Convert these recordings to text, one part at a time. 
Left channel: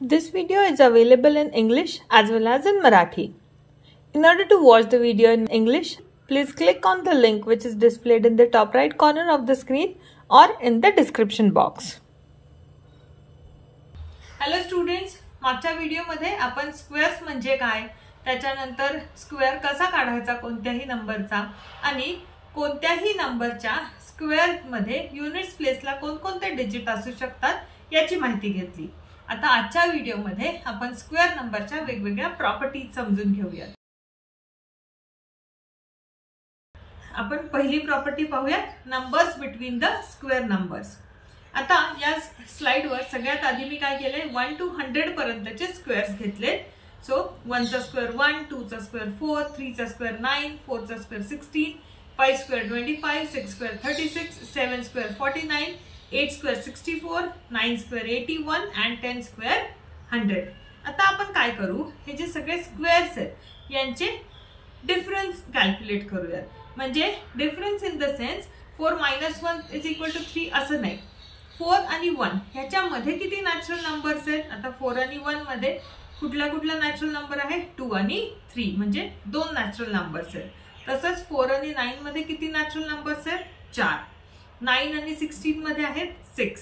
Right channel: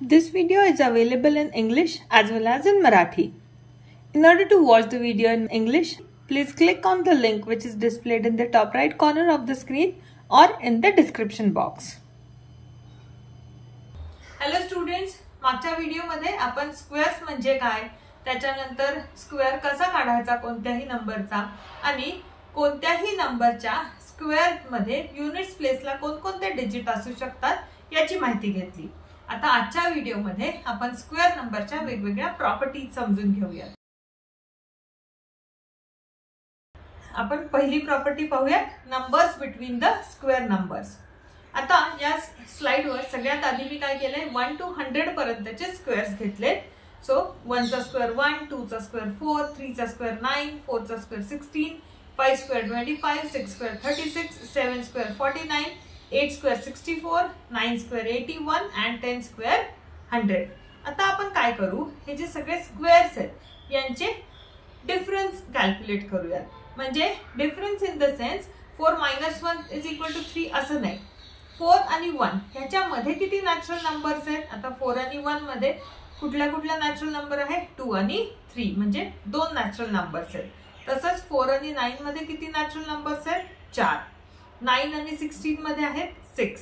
This video is available in English as well as in Marathi. In order to watch the video in English, please click on the link which is displayed in the top right corner of the screen or in the description box. Hello students, मागच्या व्हिडिओमध्ये आपण squares म्हणजे काय, त्याच्यानंतर square कसा काढायचा कोणत्याही नंबरचा आणि कोणत्याही नंबरच्या स्क्वेअर मध्ये युनिट्स प्लेसला कोणकोणते डिजिट असू शकतात याची माहिती घेतली. आता आजच्या व्हिडिओमध्ये आपण स्क्वेअर नंबरच्या वेगवेगळ्या प्रॉपर्टीज समजून घेऊया. आपण पहिली प्रॉपर्टी पाहूया, numbers between the square numbers. आता या स्लाइडवर सगळ्यात आधी मी काय केलंय 1 to 100 पर्यंतचे स्क्वेअर्स घेतले. सो 1 चा स्क्वेअर 1, 2 चा स्क्वेअर 4, 3 चा स्क्वेअर 9, 4 चा square 16, 5 square 25, 6 square 36, 7 square 49, 8 square 64, 9 square 81 and 10 square 100. आता आपण काय करू, हे जे सगळे स्क्वेअर्स आहेत यांचे डिफरन्स कॅल्क्युलेट करूयात. म्हणजे डिफरन्स इन द सेन्स 4 - 1 = 3 असं नाही. 4 आणि 1 ह्याच्यामध्ये किती नॅचरल नंबर्स आहेत. आता 4 आणि 1 मध्ये कुठला नॅचरल नंबर आहे, 2 आणि 3 म्हणजे 2 नॅचरल नंबर्स आहेत. तसंच 4 आणि 9 मध्ये किती नॅचरल नंबर्स आहेत, 4. 9 आणि 16 मध्ये आहेत 6,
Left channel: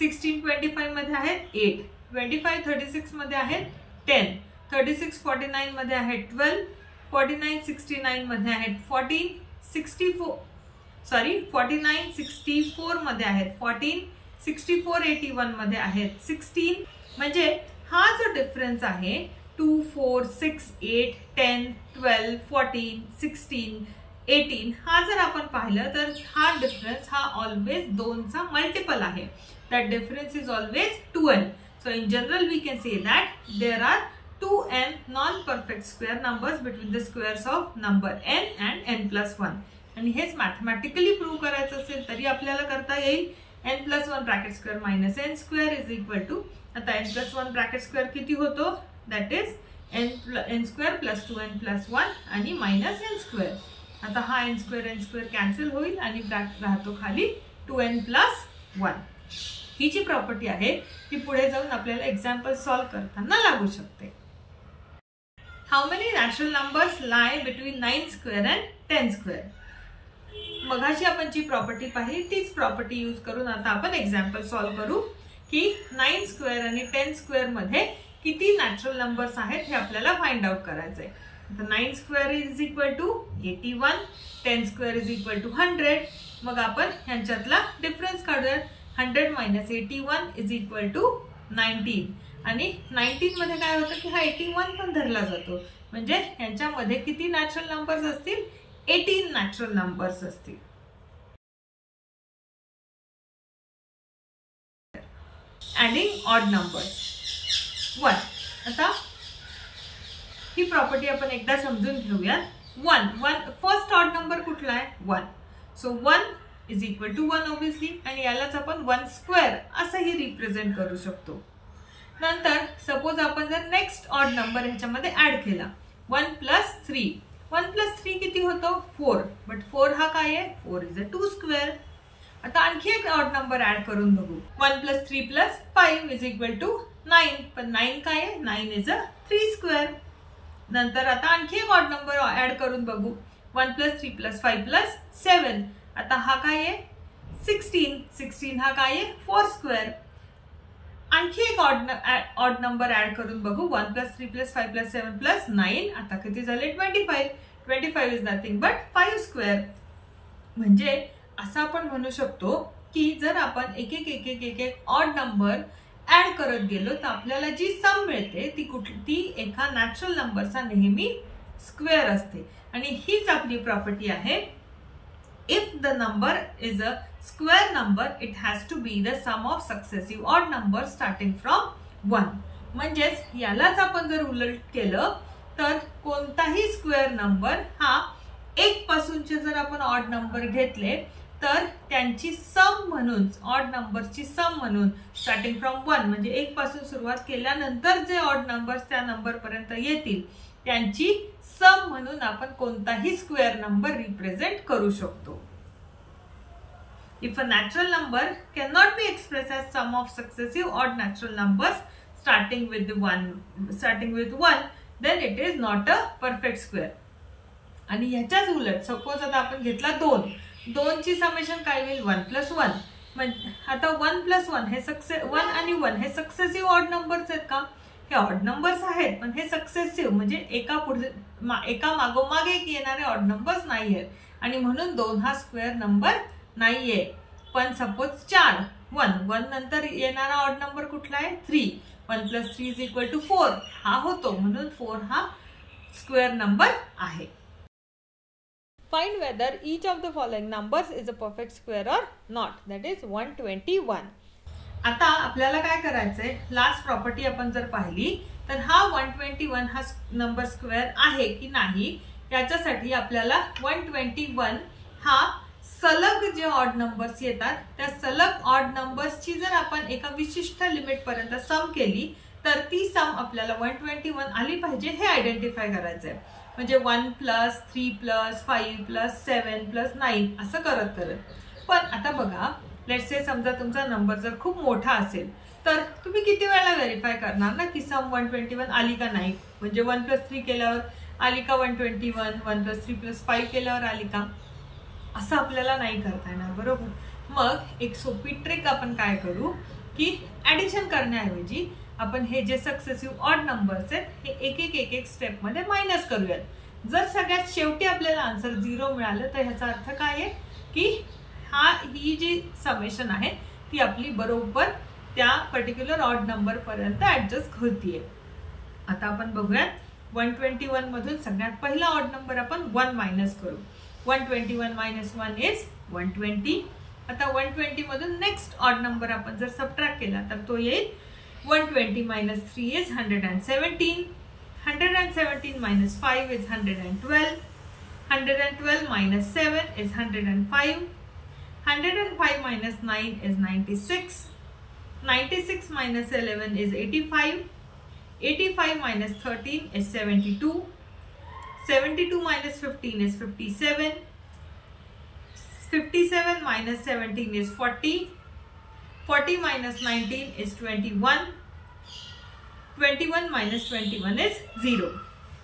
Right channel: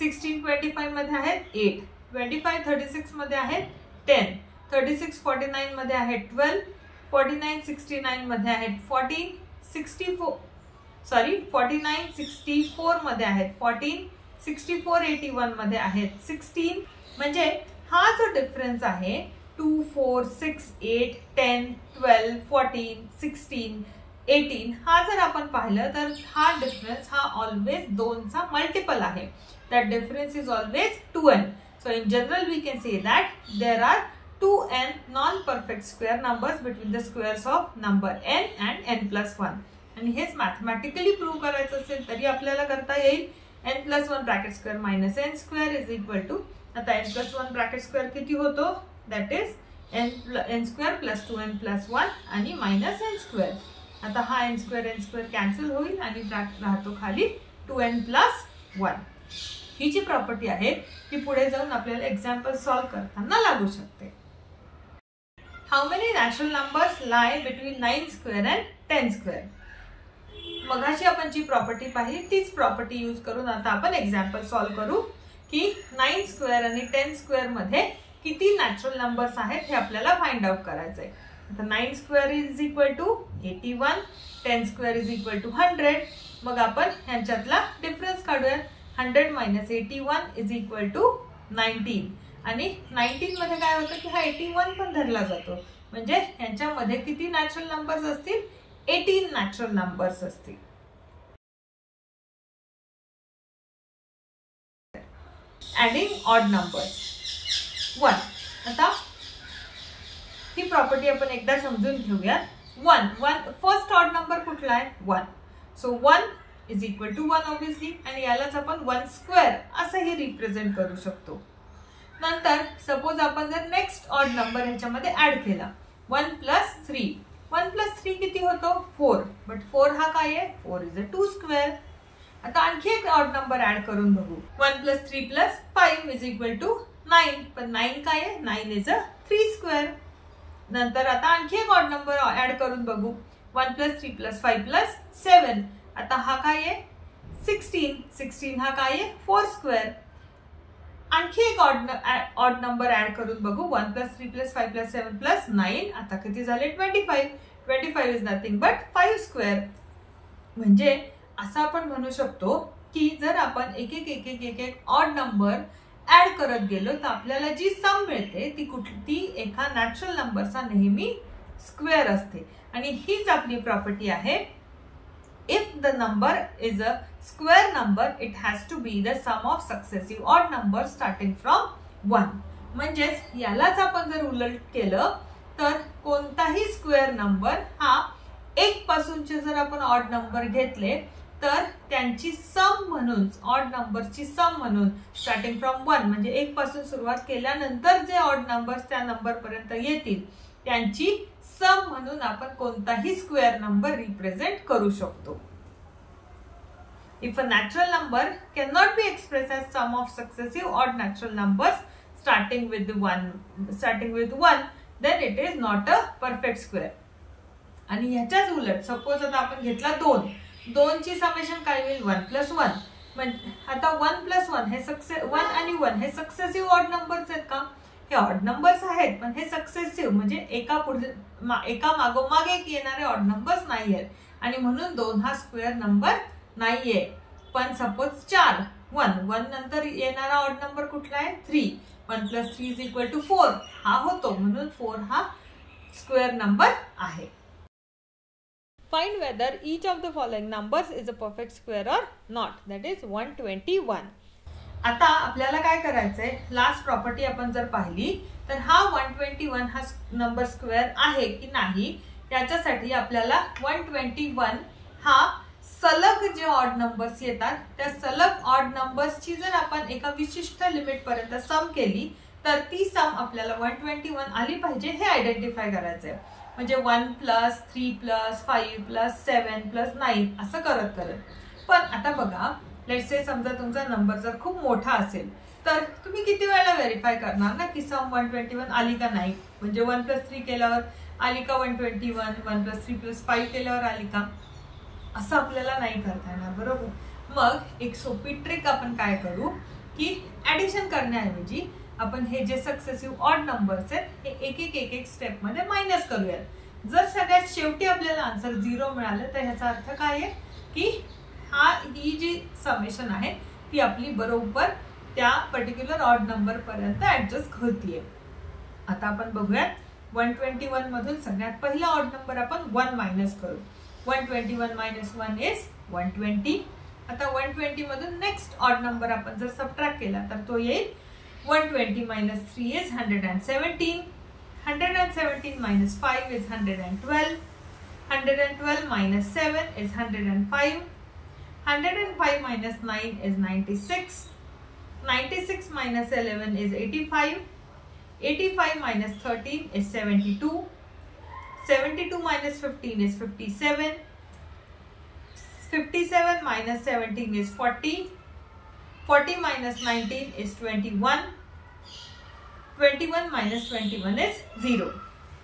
16 25 मध्ये आहेत 8, 25 36 मध्ये आहेत 10, 36 49 मध्ये आहेत 12, 49 69 मध्ये आहेत 14, 49 64 मध्ये आहेत 14, 64 81 मध्ये आहेत 16. म्हणजे हा जो डिफरन्स आहे 2 4 6 8 10 12 14 16 18 हा जर आपण पाहिलं तर हा डिफरन्स हा ऑलवेज 2 चा मल्टिपल आहे. That difference is always 2n. So in general we can say that there are 2n non-perfect square numbers between the squares of number n and n+1. आणि हेच मॅथमॅटिकली प्रूव्ह करायचं असेल तरी आपल्याला करता येईल. n+1 bracket square minus n square is equal to, आता n+1 bracket square किती होतो, that is n square plus 2n+1 आणि मायनस n स्क्वेअर. आता हा n स्क्वेअर कॅन्सल होईल आणि राहतो खाली 2n+1. ही जी प्रॉपर्टी आहे ती पुढे जाऊन आपल्याला एक्झाम्पल सॉल्व्ह करताना लागू शकते. How many natural numbers lie between 9 square and 10 square. मगाशी आपण जी प्रॉपर्टी पाहिली तीच प्रॉपर्टी यूज करून आता आपण एक्झाम्पल सॉल्व्ह करू की 9 स्क्वेअर आणि 10 स्क्वेअर मध्ये किती नॅचरल नंबर्स आहेत हे आपल्याला फाइंड आउट करायचंय. आता 9 square is equal to 81, 10 square is equal to 100. मग आपण ह्यांच्यातला डिफरन्स काढूयात. 100 - 81 इज इक्वल टू 19. आणि 19 मध्ये काय होतं की हा 81 पण धरला जातो. म्हणजे ह्यांच्यामध्ये किती नॅचरल नंबर्स असतील, 18 नॅचरल नंबर्स असतील. Adding odd numbers 1. आता ही प्रॉपर्टी आपण एकदा समजून घेऊयात. 1 फर्स्ट ऑड नंबर कुठला आहे, 1. So 1 is equal to 1 obviously, आणि यालाच आपण 1 स्क्वेअर असंही रिप्रेझेंट करू शकतो. नंतर सपोज आपण जर नेक्स्ट ऑड नंबर ह्याच्यामध्ये ऍड केला 1 + 3. 1 + 3 किती होतो, 4. बट 4 हा काय आहे, 4 इज अ 2 स्क्वेअर. आता आणखी एक ऑड नंबर ऍड करून बघू. 1 + 3 + 5 इज इक्वल टू 9. पण 9 काय आहे, 9 इज अ 3 स्क्वेअर. नंतर आता आणखी एक ऑड नंबर ऍड करून बघू. 1 + 3 + 5 + 7. आता हा काय आहे, 16. 16 हा काय आहे, 4 स्क्वेअर. आणखी एक ऑड नंबर ऍड करून बघू. 1 + 3 + 5 + 7 + 9. आता किती झाले, 25. 25 इज नथिंग बट 5 स्क्वेअर. म्हणजे असं आपण म्हणू शकतो की जर आपण एक ऑड नंबर ऍड करत गेलो तर आपल्याला जी सम मिळते ती एका नॅचरल नंबरचा नेहमी स्क्वेअर असते. आणि हीच आपली प्रॉपर्टी आहे. If the number is a square number, it has to be the sum of successive odd numbers starting from 1. म्हणजेच यालाच आपण जर उलट केलं तर कोणताही स्क्वेअर नंबर हा 1 पासूनचे जर आपण ऑड नंबर घेतले तर त्यांची सम म्हणून, ऑड नंबरची सम म्हणून स्टार्टिंग फ्रॉम 1 म्हणजे 1 पासून सुरुवात केल्यानंतर जे ऑड नंबर्स त्या नंबर पर्यंत येतील त्यांची सम म्हणून आपण कोणताही स्क्वेअर नंबर रिप्रेझेंट करू शकतो. If a natural number cannot be expressed as sum of successive odd natural numbers starting with 1, then it is not a perfect square. आणि ह्याच्याच उलट सपोज आता आपण घेतला 2 ची समेशन काय होईल 1 + 1. म्हणजे आता 1 + 1 हे 1 आणि 1 हे सक्सेसिव्ह ऑड नंबर्स आहेत का? हे ऑड नंबर्स आहेत, पण हे सक्सेसिव्ह म्हणजे एका मागोमाग एक येणारे ऑड नंबर्स नाही आहेत आणि म्हणून 2 हा स्क्वेअर नंबर नाहीये. पण सपोज 4 1 नंतर येणारा ऑड नंबर कुठला आहे 3. 1 + 3 = 4 हा होतो, म्हणून 4 हा स्क्वेअर नंबर आहे. Find whether each of the following numbers is a perfect square or not. That is 121. आता आपल्याला काय करायचंय, लास्ट प्रॉपर्टी आपण जर पाहिली तर हा 121 हा नंबर स्क्वेअर आहे की नाही याच्यासाठी आपल्याला 121 हा सलग जे ऑड नंबर्स येतात त्या सलग ऑड नंबर्सची जर आपण एका विशिष्ट लिमिट पर्यंत सम केली तर ती सम आपल्याला 121 आली पाहिजे हे आयडेंटिफाय करायचंय. म्हणजे 1 + 3 + 5 + 7 + 9 असं करत. पण आता बघा, लेट्स से समजा तुमचा नंबर जर खूप मोठा असेल तर तुम्ही किती वेळा व्हेरीफाय करणार ना की सम 121 आली का नाही. म्हणजे 1 + 3 केल्यावर आली का 121, 1 + 3 + 5 केल्यावर आली का, असं आपल्याला नाही करता येणार, बरोबर. मग एक सोपी ट्रिक आपण काय करू की ऍडिशन करण्याऐवजी आपण हे जे सक्सेसिव्ह ऑड नंबर्स आहेत हे एक स्टेप मध्ये मायनस करूयात. जर सगळ्यात शेवटी आपल्याला आन्सर 0 मिळालं तर ह्याचा अर्थ काय आहे की ही जी समेशन आहे ती आपली बरोबर त्या पर्टिक्युलर ऑड नंबर पर्यंत ऍडजस्ट होतीये. आता आपण बघूयात 121 मधून सगळ्यात पहिला ऑड नंबर आपण 1 मायनस करू. 121 - 1 इज 120. आता 120 मधून नेक्स्ट ऑड नंबर आपण जर सबट्रॅक्ट केला तर तो येईल 120 - 3 is 117. 117 - 5 is 112. 112 - 7 is 105. 105 - 9 is 96. 96 - 11 is 85. 85 - 13 is 72. 72 - 15 is 57. 57 - 17 is 40. 40 - 19 is 21. 21 - 21 is 0.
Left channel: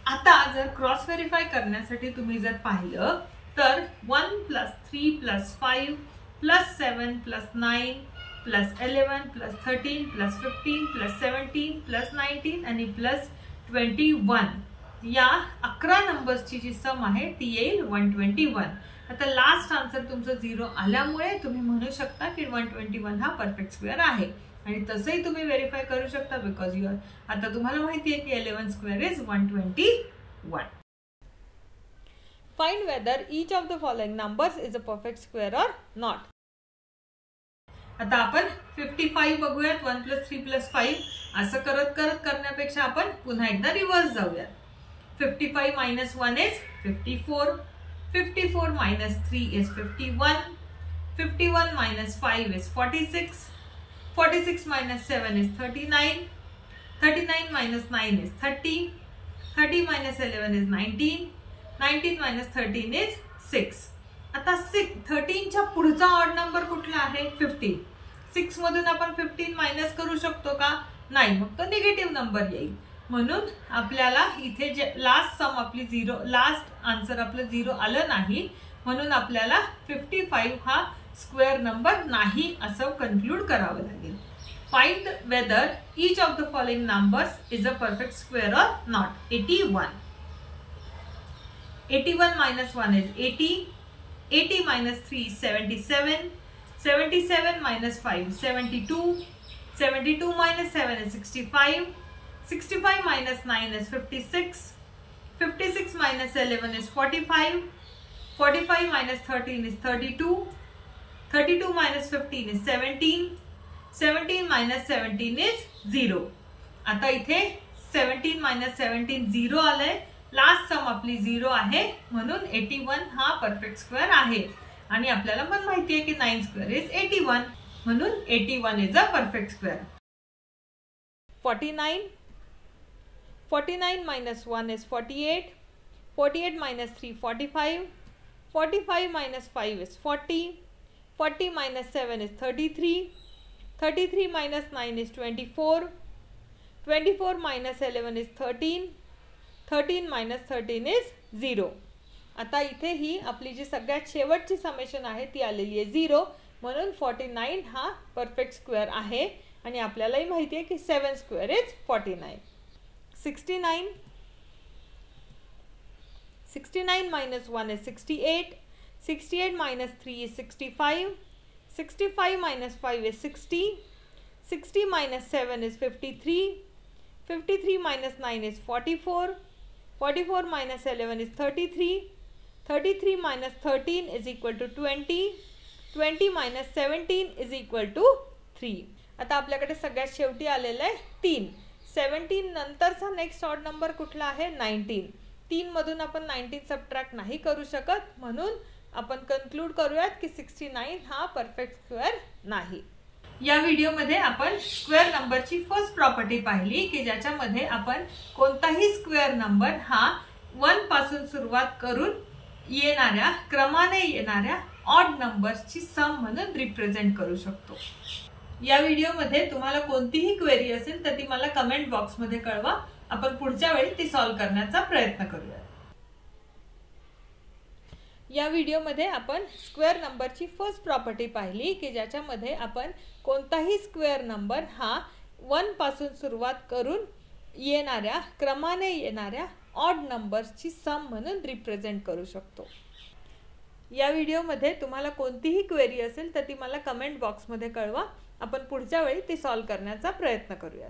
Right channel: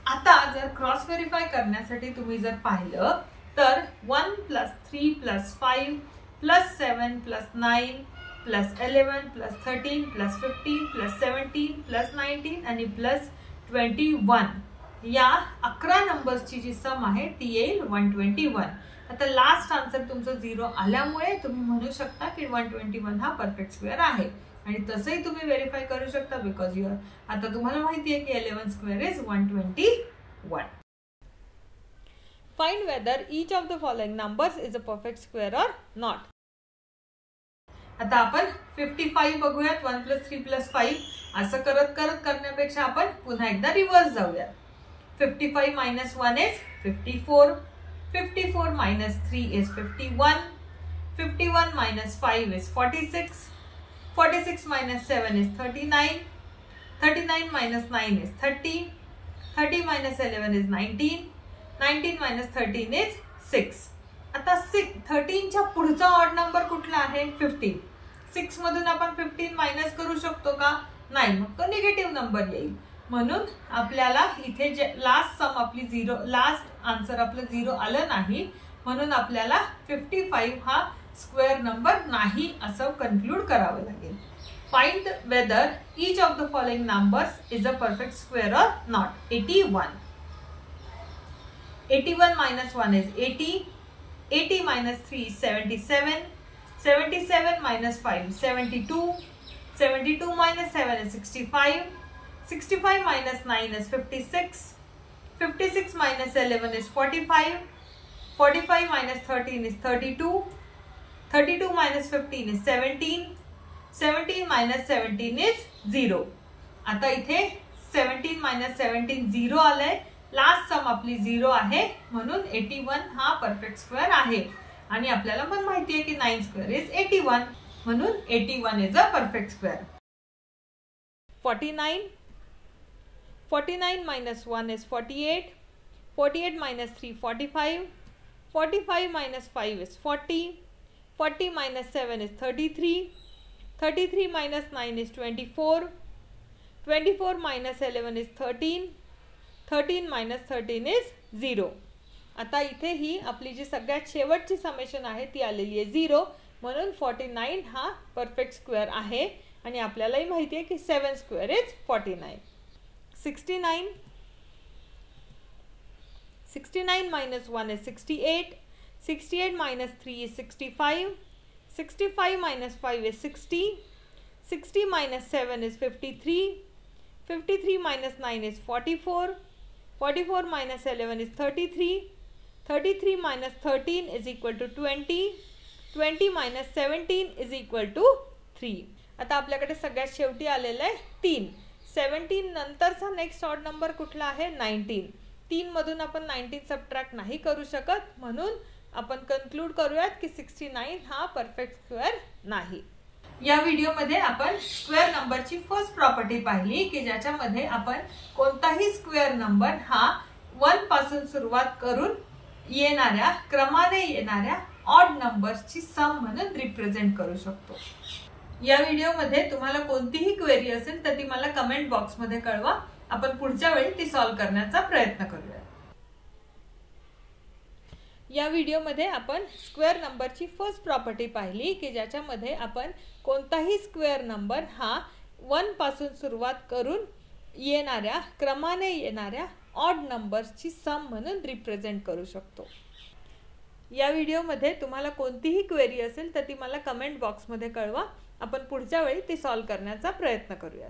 आता जर क्रॉस व्हेरीफाय करण्यासाठी तुम्ही जर पाहिलं तर 1 + 3 + 5 + 7 + 9 + 11 + 13 + 15 + 17 + 19 आणि +21 या 11 नंबर्सची जी सम आहे ती येईल 121. आता लास्ट आन्सर तुमचं 0 आल्यामुळे तुम्ही म्हणू शकता की 121 हा परफेक्ट स्क्वेअर आहे. आणि तसंही तुम्ही व्हेरीफाय करू शकता बिकॉज आता तुम्हाला माहिती आहे की 11 square is 121. Find whether each of the following numbers is a perfect square or not. आता आपण 55 बघूयात. 1 + 3 + 5 असं करत करण्यापेक्षा आपण पुन्हा एकदा रिव्हर्स जाऊयात. 55 - 1 is 54. 54 - 3 is 51. 51 - 5 is 46. 46 - 7 is 39. 39 - 9 is 30. 30 - 11 is 19. 19 - 13 is 6. आता 13 च्या पुढचा ऑड नंबर कुठला आहे 15. 6 मधून आपण 15 मायनस करू शकतो का नाही, मग तो निगेटिव्ह नंबर येईल. म्हणून आपल्याला इथे जे लास्ट सम आपली 0 लास्ट आन्सर आपलं 0 आलं नाही, म्हणून आपल्याला 55 हा स्क्वेअर नंबर नाही असं कन्क्लूड करावं लागेल. Find whether each of the following numbers is a perfect square or not. 81. 81 - 1 is 80. 80 - 3 is 77. 77 - 5 is 72. 72 - 7 is 65. 65 - 9 is 56. 56 - 11 is 45. 45 - 13 is 32. 32 - 15 is 17. 17 - 17 is 0. आता इथे 17 - 17 0 आलंय. लास्ट सम आपली 0 आहे, म्हणून 81 हा परफेक्ट स्क्वेअर आहे. आणि आपल्याला पण माहिती आहे की 9 स्क्वेअर इज 81, म्हणून 81 is a perfect square. 49. 49 - 1 is 48. 48 - 3 45. 45 - 5 is 40. 40 - 7 is 33. 33 - 9 is 24. 24 minus 11 is 13. 13 minus 13 is 0. आता इथे ही आपली जी सगळ्यात शेवटची समेशन आहे ती आलेली आहे 0, म्हणून 49 हा परफेक्ट स्क्वेअर आहे आणि आपल्यालाही माहिती आहे की 7 square is 49. 69 minus 1 is 68. 68 minus 3 is 65. 65 minus 5 is 60. 60 minus 7 is 53. 53 minus 9 is 44. 44 minus 11 is 33. 33 minus 13 is equal to 20. 20 minus 17 is equal to 3. आता आपल्याकडे सगळ्यात शेवटी आलेलं आहे 3. 17 नंतरचा नेक्स्ट ऑड नंबर कुठला आहे 19. 3 मधून आपण 19 सबट्रॅक्ट नाही करू शकत, म्हणून आपण कन्क्लूड करूयात की 69 हा परफेक्ट स्क्वेअर नाही. या व्हिडिओमध्ये आपण स्क्वेअर नंबरची फर्स्ट प्रॉपर्टी पाहिली की ज्याच्यामध्ये आपण कोणताही स्क्वेअर नंबर हा 1 पासून सुरुवात करून येणाऱ्या क्रमाने येणाऱ्या ऑड नंबर्सची सम म्हणून रिप्रेझेंट करू शकतो. या व्हिडिओमध्ये तुम्हाला कोणतीही क्वेरी असेल तर ती मला कमेंट बॉक्समध्ये कळवा. आपण पुढच्या वेळी ती सॉल्व्ह करण्याचा प्रयत्न करूया. या व्हिडिओमध्ये आपण स्क्वेअर नंबरची फर्स्ट प्रॉपर्टी पाहिली की ज्याच्यामध्ये आपण कोणताही स्क्वेअर नंबर हा 1 पासून सुरुवात करून येणाऱ्या क्रमाने येणाऱ्या ऑड नंबर्सची सम म्हणून रिप्रेझेंट करू शकतो. या व्हिडिओमध्ये तुम्हाला कोणतीही क्वेरी असेल तर ती मला कमेंट बॉक्समध्ये कळवा. आपण पुढच्या वेळी ती सॉल्व्ह करण्याचा प्रयत्न करूया.